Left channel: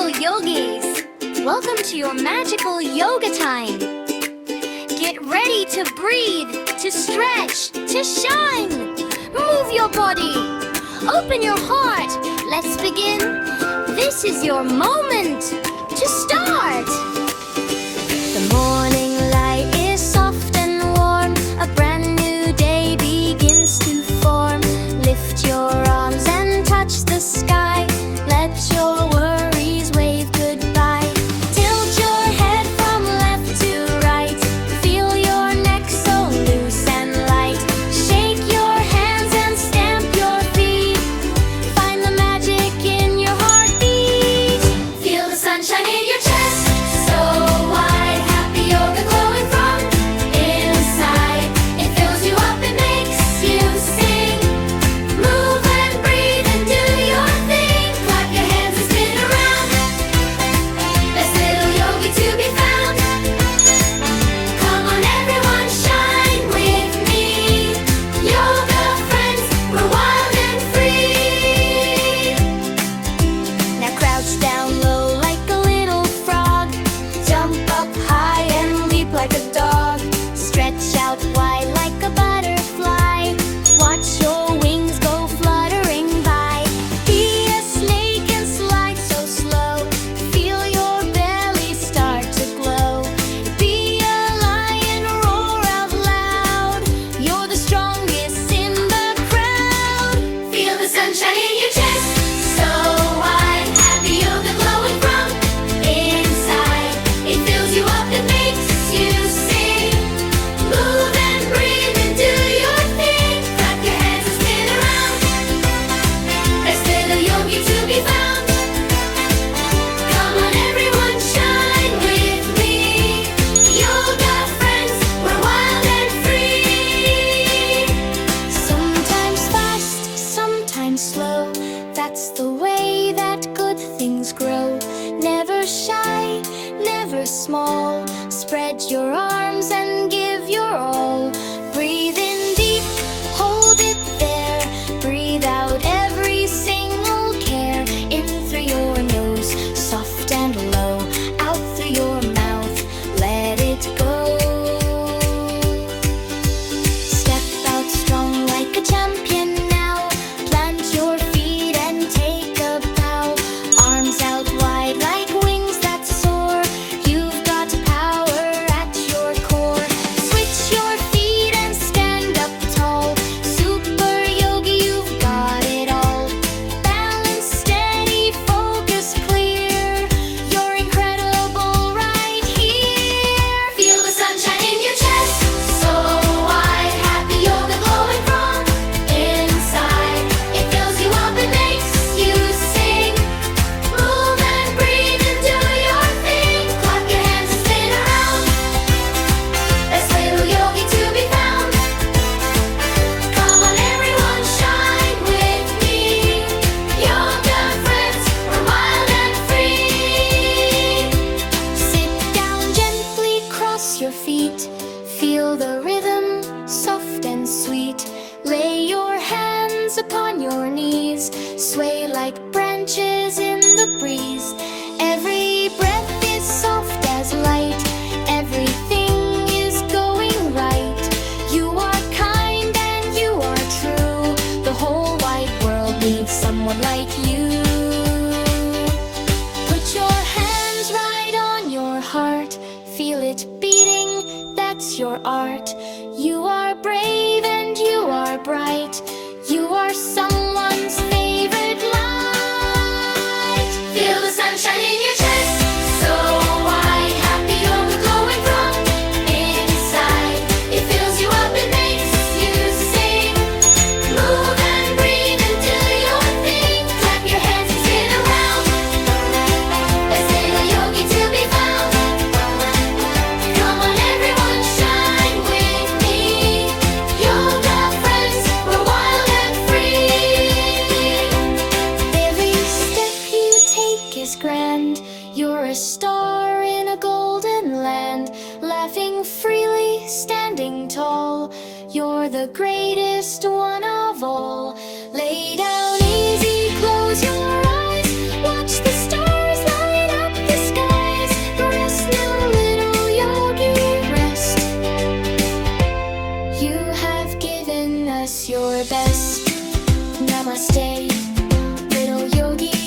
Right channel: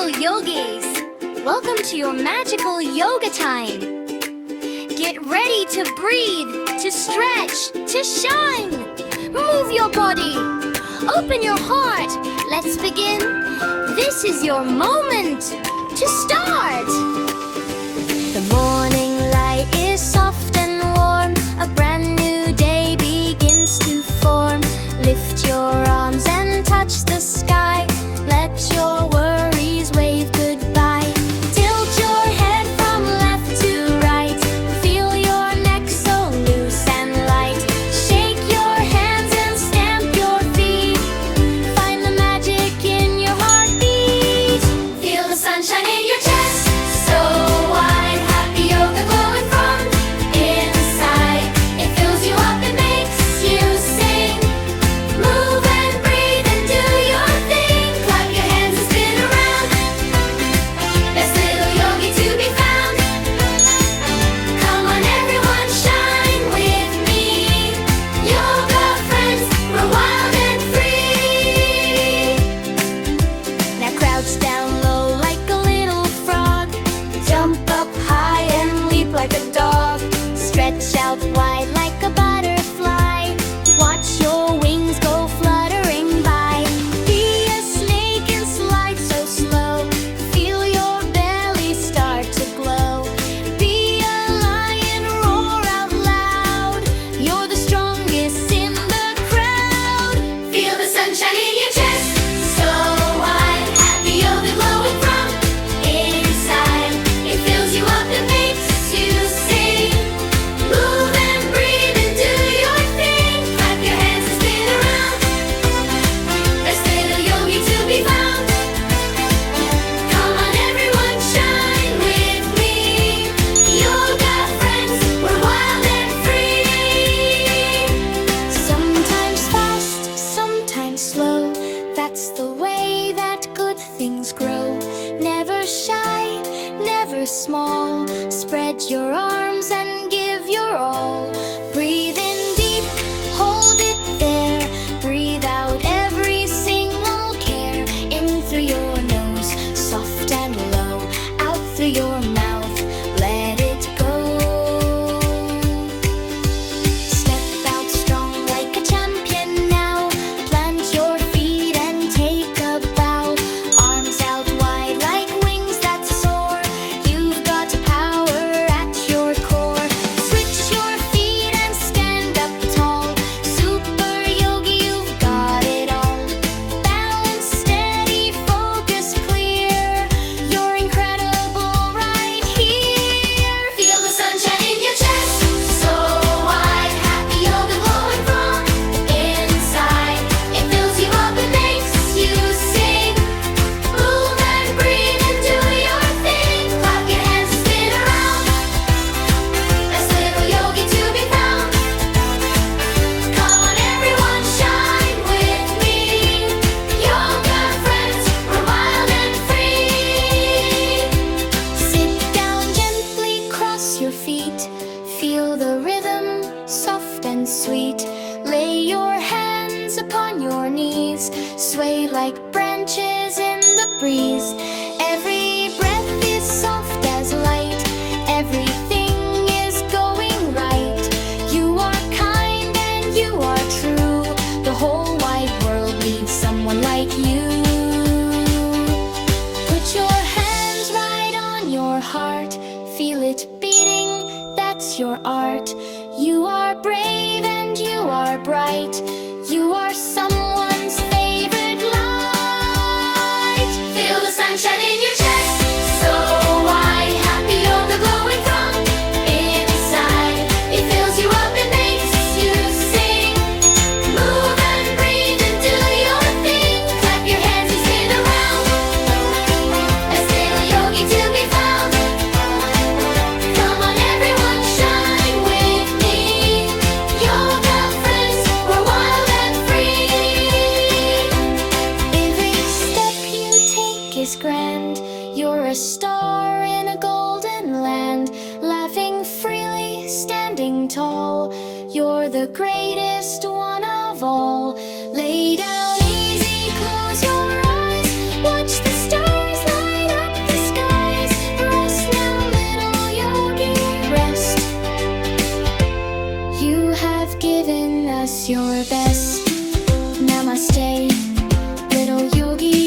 little yogis! Welcome to your magical yoga time! Get ready to breathe, to stretch, to shine! Move your body! Open your heart! Let's begin! This is your moment to start! The morning light is soft and warm. A brand new day begins to form. Lift your arms and touch the sky. Let your worries wave goodbye. Tilt your head from left to right. Feel your neck so loose and light. Shake your hands and stamp your feet. Find the magic in your heartbeat. Feel the sunshine in your chest, so wide. Happy yoga glowing from inside. It fills you up, it makes you sing. Move and breathe and do your thing. Clap your hands and spin around. Best little yogi to be found. Come on everyone, shine with me. Yoga friends, we're wild and free. Now crouch down low like a little frog. Jump up high and leap like a dog. Stretch out wide like a butterfly. Watch your wings go fluttering by. Be a snake and slide so slow. Feel your belly start to glow. Be a lion, roar out loud. You're the strongest in the crowd. Feel the sunshine in your chest, so wide. Happy yoga glowing from inside. It fills you up, it makes you sing. Move and breathe and do your thing. Clap your hands and spin around. Best little yogi to be found. Come on everyone, shine with me. Yoga friends, we're wild and free. Sometimes fast, sometimes slow. That's the way that good things grow. Never shy, never small. Spread your arms and give your all. Breathe in deep, hold it there. Breathe out every single care. In through your nose, soft and low. Out through your mouth, let it go. Step out strong like a champion now. Plant your feet and take a bow. Arms out wide like wings that soar. You've got power at your core. Switch your feet and stand up tall. Super yogi, you've got it all. Balance steady, focus clear. You're incredible right here. Feel the sunshine in your chest, so wide. Happy yoga glowing from inside. It fills you up, it makes you sing. Move and breathe and do your thing. Clap your hands and spin around. Best little yogi to be found. Come on everyone, shine with me. Yoga friends, we're wild and free. Sit down gently, cross your feet. Feel the rhythm, soft and sweet. Lay your hands upon your knees. Sway like branches in the breeze. Every breath is soft as light. Everything is going right. You are kind and you are true. The whole wide world needs someone like you. Put your hands right on your heart. Feel it beating, that's your art. You are brave and you are bright. You are someone's favorite light. Feel the sunshine in your chest, so wide. Happy yoga glowing from inside. It fills you up, it makes you sing. Move and breathe and do your thing. Clap your hands and spin around. Best little yogi to be found. Come on everyone, shine with me. Yoga friends, we're wild and free. Every step you take is grand. You're a star in a golden land. Laughing freely, standing tall. You're the greatest one of all. Lay down easy, close your eyes. Watch the stars light your best. Namaste, little yogi.